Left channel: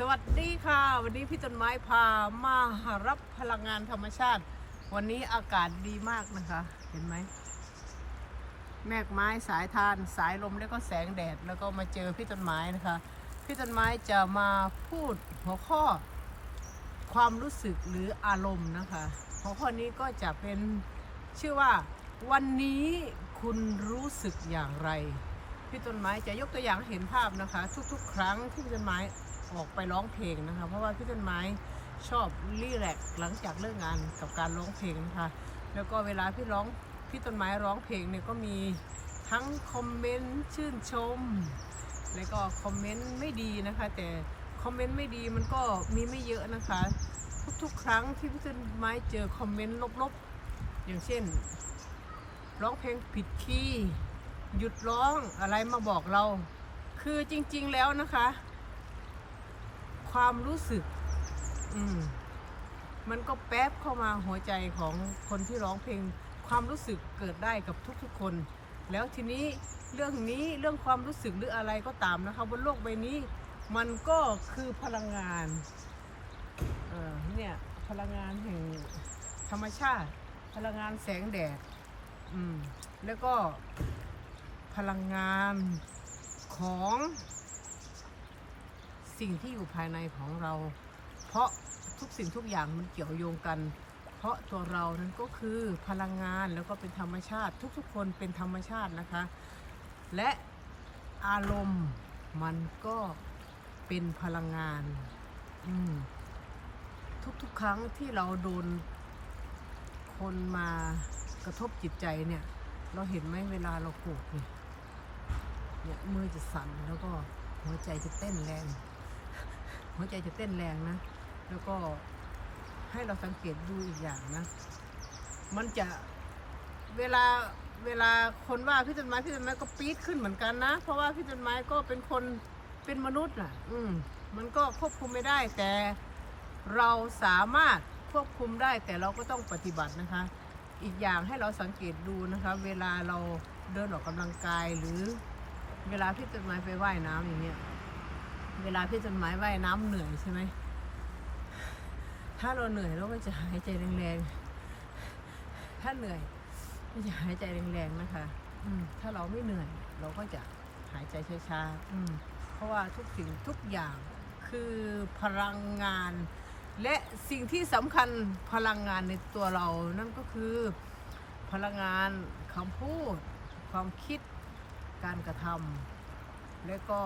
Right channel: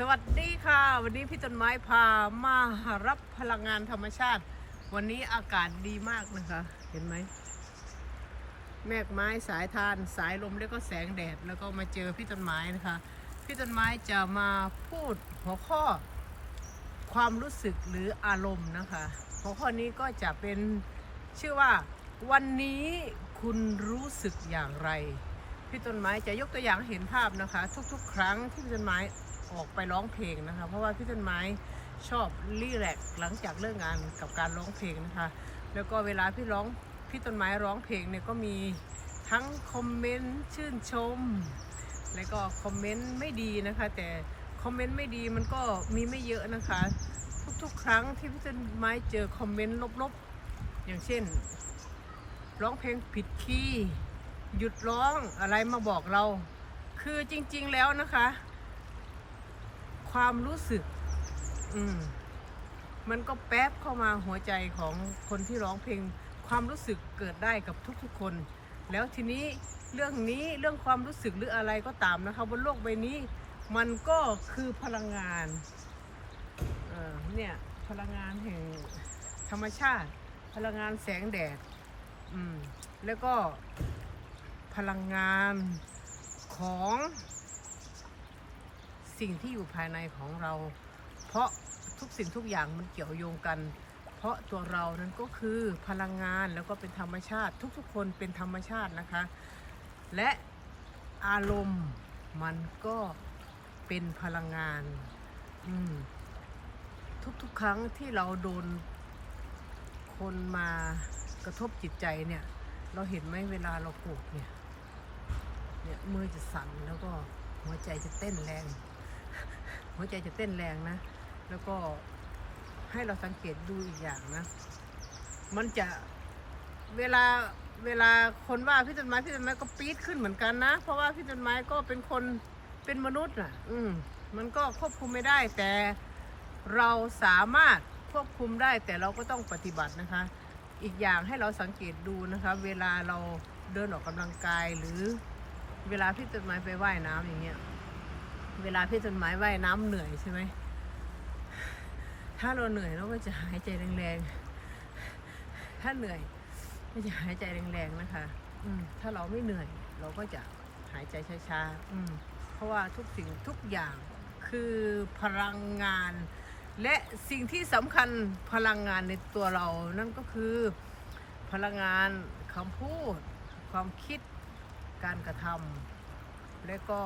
สวัสดีค่ะ วันนี้พี่ต้นไม้พามารับพลังงานธรรมชาติ วันนี้อากาศดีมากนะคะ เห็นไหมแมกไม้สายทานสายลมแล้วก็แสงแดดแล้วก็มาเจอพี่ต้นไม้นะคะ พี่ต้นไม้จะมาพูดหัวข้อ ความรู้สึกหรืออารมณ์นะคะ หัวข้อนี้ก็จะเป็นชื่อว่า วันนี้คุณรู้สึกอย่างไร พี่ต้นไม้จะยกตัวอย่างเห็นภาพนะคะ ทุกๆ ครั้งที่พี่ต้นไม้ ออกไปร้องเพลงนะคะ เพราะว่าพี่ต้นไม้ชอบรีแลกหลังจากเลิกงานกับการร้องเพลงนะคะแล้วก็เวลาพี่ร้องพี่ต้นไม้ร้องเพลงเนี่ยก็มีทั้งคอมเมนต์ชื่นชม แล้วก็คอมเมนต์ไม่ดีนะคะ แต่คอมเมนต์ไม่ดีมันก็มีไม่เยอะนะคะ ทุกๆ ครั้งที่พี่ต้นไม้เจอคอมเมนต์ลบๆ อย่างเช่น ร้องเพลงผิดคีย์หยุดร้องอะไรมาบอกเรา คือจริงๆแล้วนะคะ ความรู้สึก อืมมันก็แป๊บเข้ามาหัวใจของคนที่ร้องเพลง ความรู้สึกเกิดได้กับทุกๆคน แล้วทีนี้เรื่องนี้เรื่องความรู้สึกหรืออะไรก็ตามนะคะบนโลกใบนี้ มันก็คือพลังงานเเนี่ยพลังงานแห่งธรรมชาติ พลังงานแสงแดดอืมแล้วก็พลังงานของ สิ่งที่อยู่ภายในของเรา เพราะทุกสิ่งทุกอย่างมันเกี่ยวโยงกัน เพราะตัวเรานั้นก็คือพลังงานแล้วก็เป็นธรรมชาติ ทุกๆ คนเป็นธรรมชาตินะคะ และอารมณ์มันก็เป็นพลังงานอืมทุกๆ ครั้งที่เราโดนคนมากระทบจิตใจเนี่ย เราเห็นไหมเวลาเราโกรธเนี่ยเนี่ยมือจะสั่นแล้วก็หัวใจจะเต้นแรง หัวใจจะเต้นแรงนะ แล้วก็ให้เราสังเกตดูอีกอย่างนะ มันจะเวลาเวลาคนว่าพี่ต้นไม้พี่ต้นไม้ก็ปี๊ดขึ้นเหมือนกันนะ เพราะว่าพี่ต้นไม้ก็เป็นคนเป็นมนุษย์อะ อืมมันก็ควบคุมไม่ได้แต่เราสามารถควบคุมได้แต่เราก็ต้องปฏิบัตินะคะ อีกอย่างให้เราสังเกตดูนะคะ เวลาเราเดินออกกำลังกายหรือเวลาพี่ต้นไม้ไปว่ายน้ำอย่างเงี้ย เวลาพี่ต้นไม้ว่ายน้ำเหนื่อยใช่ไหม ถ้าเราเหนื่อยเราก็จะหายใจแรงๆ ถ้าเหนื่อยก็จะหายใจแรงๆนะคะ อืมถ้าเราไม่เหนื่อย เราก็จะหายใจช้าๆอืมเพราะว่าทุกสิ่งทุกอย่างคือพลังงาน และสิ่งที่สำคัญพลังงานในตัวเรานั่นก็คือ พลังงานคำพูด ความคิดการกระทำและก็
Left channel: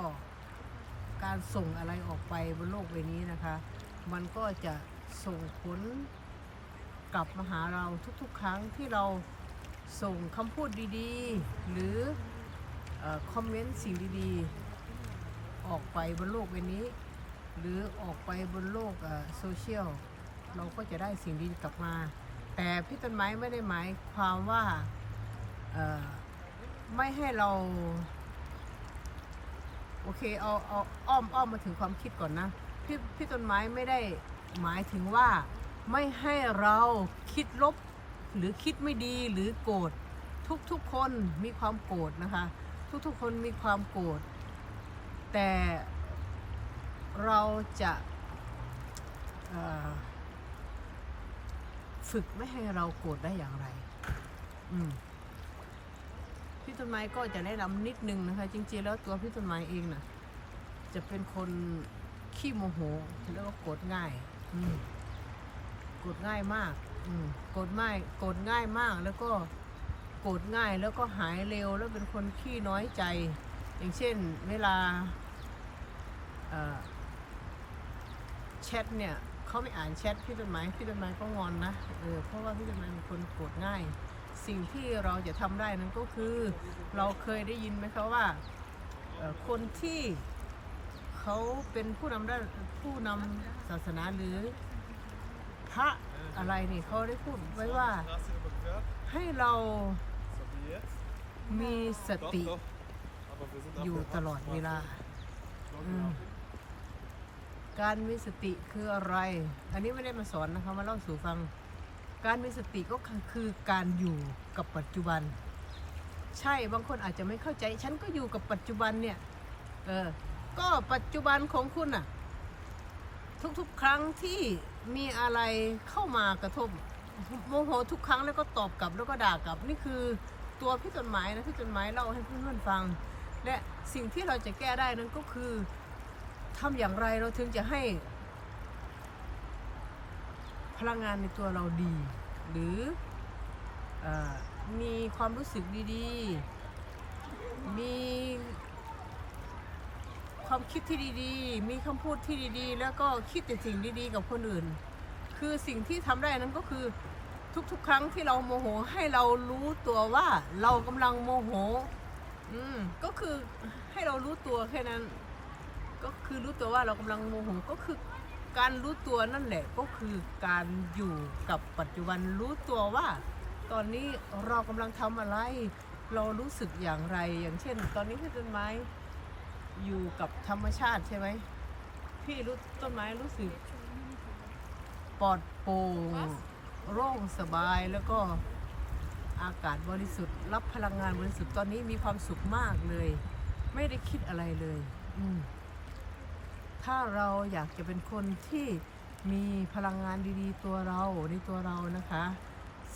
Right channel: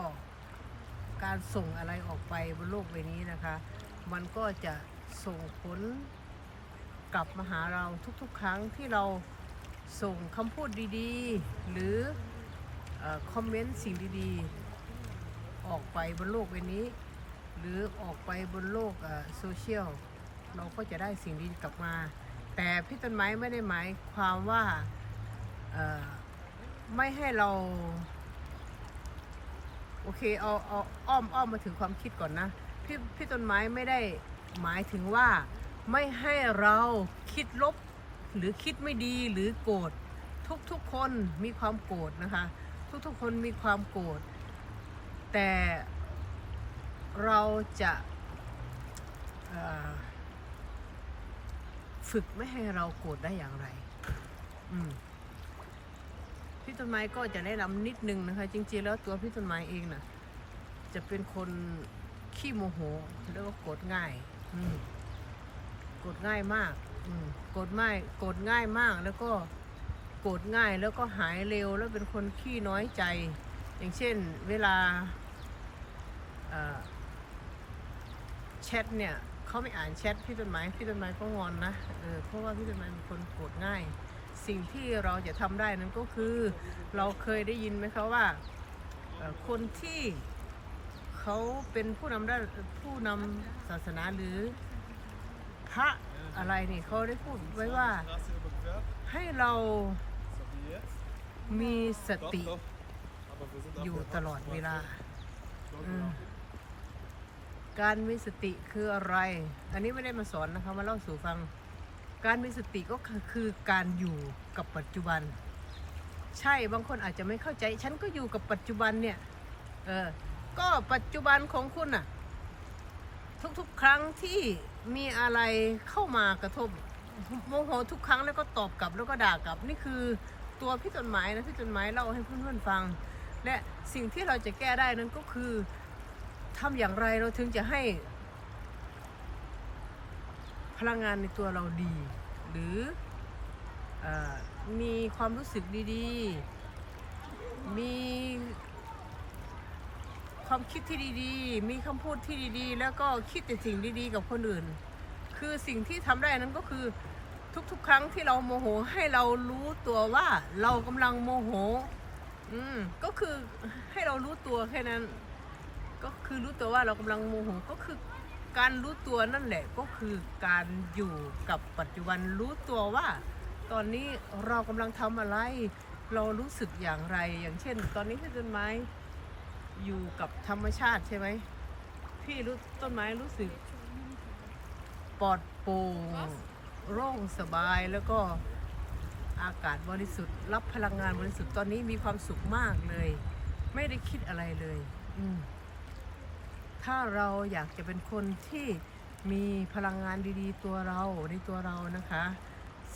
การส่งอะไรออกไปบนโลกใบนี้นะคะ มันก็จะส่งผลกลับมาหาเราทุกๆ ครั้งที่เราส่งคำพูดดีๆ หรืออคอมเมนต์สิ่งดีๆ ออกไปบนโลกใบนี้ หรือออกไปบนโลกโซเชียลเราก็จะได้สิ่งดีกลับมา แต่พี่ต้นไม้ไม่ได้หมายความว่าไม่ให้เรา โอเคเอาเอาอ้อมอ้อมมาถึงความคิดก่อนนะพี่พี่ต้นไม้ไม่ได้หมายถึงว่าไม่ให้เราคิดลบหรือคิดไม่ดีหรือโกรธทุกๆคนมีความโกรธนะคะ ทุกๆคนมีความโกรธแต่เราจะฝึกไม่ให้เราโกรธได้อย่างไร อืม พี่ต้นไม้ก็จะแนะนำนิดนึงนะคะ จริงๆแล้วตัวพี่ต้นไม้เองน่ะ จะเป็นคนขี้โมโหแล้วก็โกรธง่ายอืโกรธง่ายมากอืโกรธง่ายโกรธง่ายมากแล้วก็โกรธง่ายแล้วก็หายเร็วแล้วเป็นคนขี้น้อยใจ อย่างเช่นเวลาแชทเนี่ยเขาไม่อ่านแชทพี่ต้นไม้พี่ต้นไม้ก็งอนนะเออเพราะว่าพี่ต้นไม้เป็นคนโกรธง่าย สิ่งที่เราจะทำได้นั้นก็คือเราเคยได้ยินไหมคะว่าคนที่เขาเป็นผู้นำด้านผู้นำศาสนาหรือพระอะไรนี่เขาได้พูดไว้ว่าให้เรามีสติอยู่ตลอดเวลา การมีสติคืออะไร อันนี้ไม่ได้มาสอนนะคะ มาเล่าสู่ฟัง การมีสติก็คือการอยู่กับปัจจุบัน ใช่บางคนอาจจะไม่เข้าใจ ฉันก็อยู่กับปัจจุบันเนี่ยเออก็ปัจจุบันของคุณน่ะทุกๆ ครั้งที่มีอะไรเข้ามากระทบโมโหทุกครั้งแล้วก็ตอบกลับแล้วก็ด่ากลับนี่คือตัวพี่ต้นไม้นะพี่ต้นไม้เล่าให้เพื่อนๆฟัง และสิ่งที่เราจะแก้ได้นั้นก็คือทำอย่างไรเราถึงจะให้ พลังงานในตัวเราดี หรือออมีความรู้สึกดีๆ มีความคิดที่ดีๆ มีคำพูดที่ดีๆ แล้วก็คิดแต่สิ่งดีๆ กับคนอื่น คือสิ่งที่ทำได้นั้นก็คือทุกๆ ครั้งที่เราโมโหให้เรารู้ตัวว่าเรากำลังโมโห อืม ก็คือให้เรารู้ตัวแค่นั้น ก็คือรู้ตัวว่าเรากำลังโมโห ก็คือ การรู้ตัวนั่นแหละก็คือการอยู่กับปัจจุบันรู้ตัวว่า ตอนนี้เรากำลังทำอะไร เรารู้สึกอย่างไรอย่างเช่น ตอนนี้ที่ต้นไม้อยู่กับธรรมชาติใช่ไหมพี่รู้ต้นไม้รู้สึกปลอดโปร่งโล่งสบายแล้วก็อากาศบริสุทธิ์ รับพลังงานบริสุทธิ์ตอนนี้มีความสุขมากเลย ไม่ได้คิดอะไรเลย อืม ถ้าเราอยากจะเป็นคนที่มีพลังงานดีๆ ตัวเราในตัวเรานะคะ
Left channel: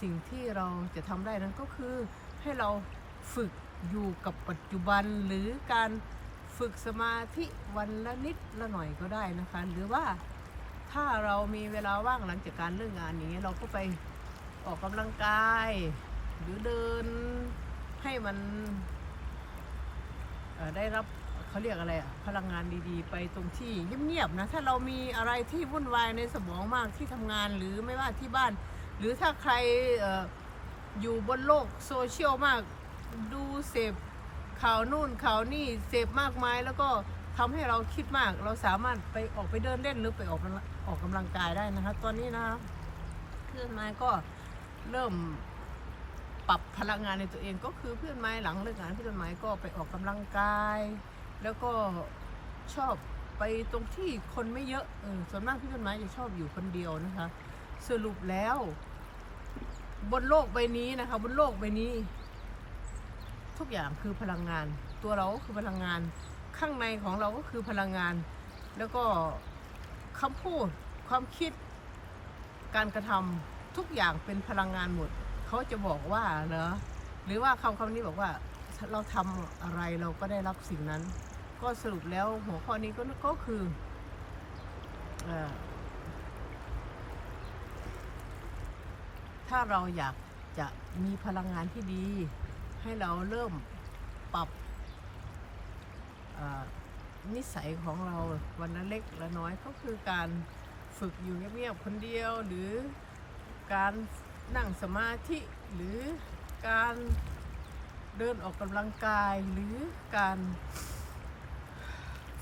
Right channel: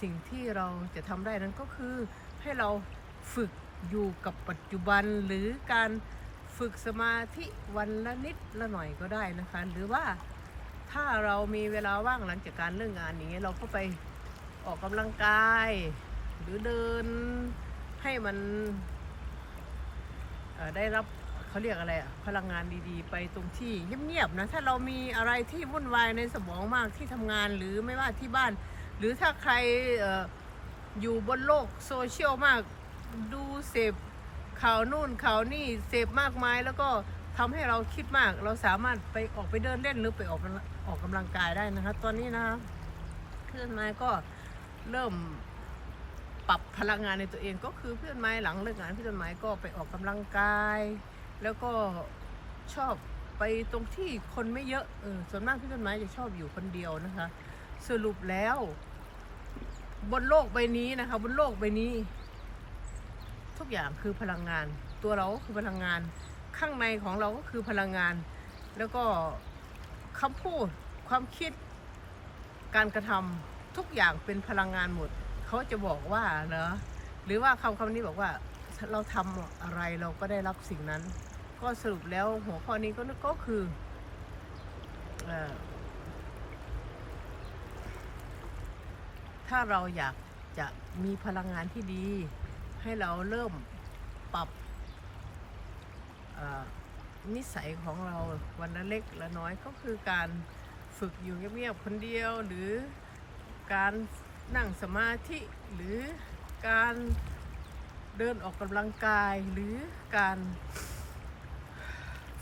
สิ่งที่เราจะทำได้นั้นก็คือให้เราฝึกอยู่กับปัจจุบันหรือการฝึกสมาธิวันละนิดละหน่อยก็ได้นะคะ หรือว่าถ้าเรามีเวลาว่างหลังจากการเลิกงานอย่างเงี้ยเราก็ไปออกกำลังกาย หรือเดินให้มันได้รับ เขาเรียกอะไรอะพลังงานดีๆ ไปตรงที่เงียบๆนะถ้าเรามีอะไรที่วุ่นวายในสมองมากที่ทำงานหรือไม่ว่าที่บ้าน หรือถ้าใครอออยู่บนโลกโซเชียลมากดูเสพข่าวนู่นข่าวนี่เสพมากมายแล้วก็ทำให้เราคิดมาก เราสามารถไปออกไปเดินเล่นหรือไปออกออกกำลังกายได้นะคะตอนนี้นะเพื่อนนายก็เริ่มปรับพลังงานในตัวเองก็คือเพื่อนไม้หลังเลิกงานเพื่อนไม้ก็ไปออกกำลังกาย แล้วก็ชอบไปตรงที่คนไม่เยอะเออส่วนมากพี่ต้นไม้จะชอบอยู่คนเดียวนะคะ สรุปแล้ว บนโลกใบนี้นะคะ บนโลกใบนี้ ทุกอย่างคือพลังงาน ตัวเราก็คือพลังงาน ข้างในของเราก็คือพลังงาน แล้วก็คำพูดความคิด การกระทำทุกอย่างเป็นพลังงานหมดเขาจะบอกว่าเนอะหรือว่าคำคำนี้บอกว่าเราทำอะไรเราก็ได้รับสิ่งนั้น ก็สรุปแล้วหัวข้อนี้ก็ก็คืออถ้าเราอยากจะมีพลังงานที่ดี ให้เราเริ่มปรับนิสัยของเราวันละเล็กละน้อยก็คือการฝึกอยู่เงียบๆคนเดียว หรือการนั่งสมาธิหรือการเดินออกกำลังกายหรือการ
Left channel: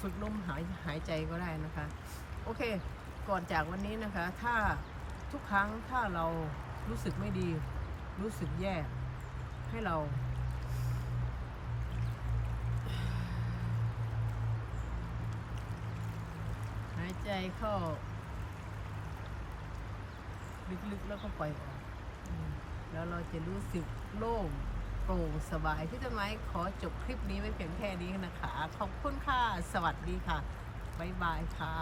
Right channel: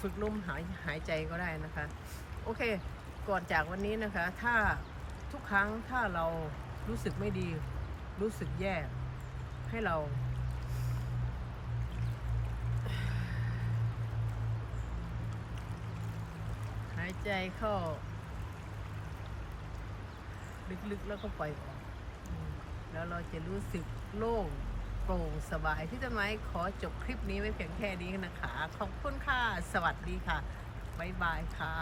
ฝึกลมหายหายใจก็ได้นะคะ โอเค ก่อนจากวันนี้นะคะ ถ้าทุกครั้งถ้าเรารู้สึกไม่ดี รู้สึกแย่ ให้เรา หายใจเข้า ลึกๆแล้วก็ปล่อยแล้วเราจะรู้สึกโล่ง โปร่งสบายที่ต้นไม้ขอจบคลิปนี้ไว้เพียงแค่นี้นะคะ ขอบคุณค่ะ สวัสดีค่ะ บ๊ายบายค่ะ